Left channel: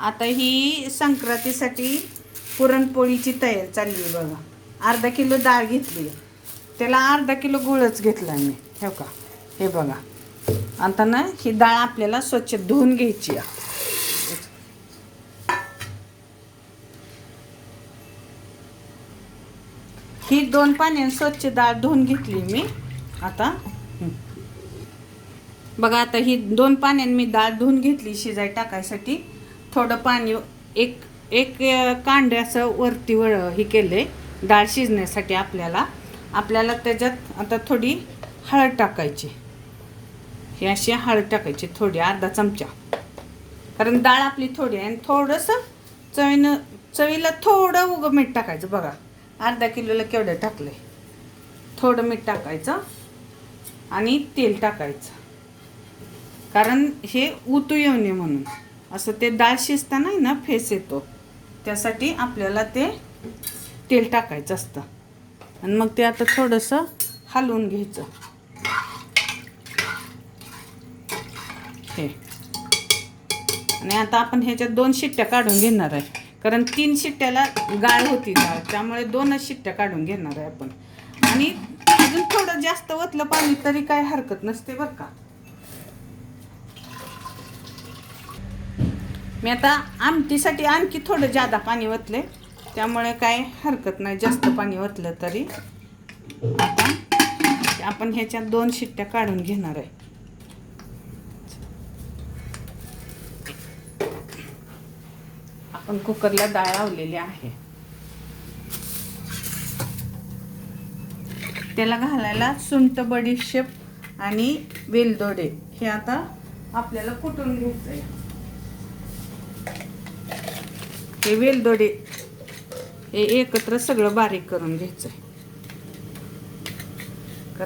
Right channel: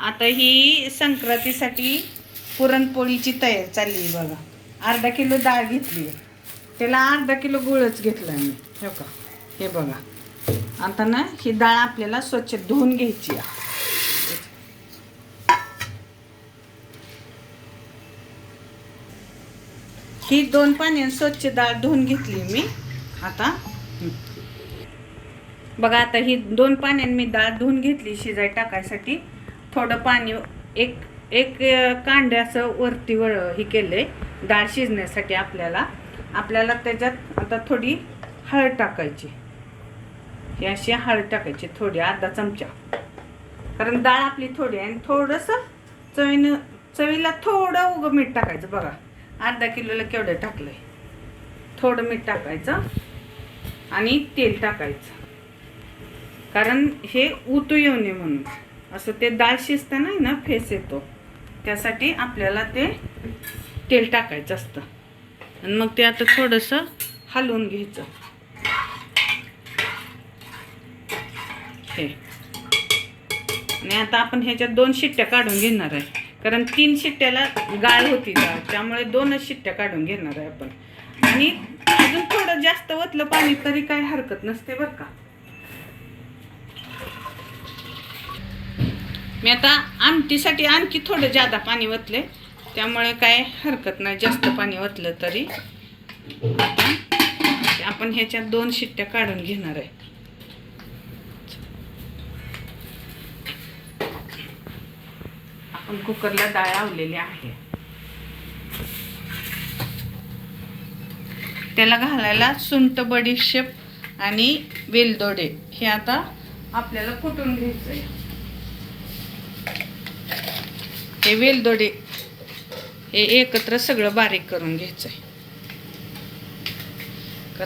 आता ही संक्रांतीसाठी पुरणपोळीची तयार चालली आहे बघा. अर्धा किलो डाळ घेतली आहे. त्याला अर्धा किलो गुळच घेतला मी. हे का हे बघा. आता ना ही डाळ आपल्याला स्वच्छ धुवून घ्यायची आहे. ही दोन पाण्याने स्वच्छ डाळ धुवून घेतली मी. आता बघा आता ही दोन पाण्याने मी डाळ धुवून घेतली शिजाय टाकायसाठी. थोडं पाणी एक एक अं, कांडे असं वरती वळ हे केले डाळ शिजण्यासाठी आपल्याला. आपल्याला त्याच्यात आता थोडी हळद टाकायची. ही अशी हळद टाकायची थोडी अर्धा चमचा. कारण डाळ आपली थोडी आहे आणि थोडंसं चवीनं चवीला थोडं उगं मीठ टाकायचं बघा. अर्धा किलोला केवढं टाकलंय? थोडं मीठ टाकायचं आणि तेल टाकायचं. कारण हे उतू येऊ नये म्हणून. असं ते डाळ शिजताना ना फेस येतो. त्यासाठी आपल्याला ते तेल टाकायचं असतं. आणि मग ते आता थोडंसं हलवून घ्यायचं. हे. आणि आता आपण ह्याच्यात दोन शिट्ट्या काढून घेणार आहे. कारण तीन शिट्ट्याला गाळ होती त्यामुळे दोनच शिट्ट्या काढून घेणार आहे आपण. आणि अजून थोडं जास्त ओतलं पाणी तरी काय हरकत नसते बरं का. मी आता आमटीसाठी आणखी थोडं जादा पाणी ओतले. त्यामुळे काय हरकत नाही जास्त पाणी ओतलं तरी. आपण ह्याच्यात दोन शिट्ट्या काढून घेणार आहे. आपण कुकरला डाळ लावलेली आहे. त्याला घालायला सुंट बडीशेप आणि वेलदोडे हे आता आपल्याला कुटून घ्यायचं आहे हे वेलदोडे हे एकत्र सगळं बारीक करून घ्यायचं आहे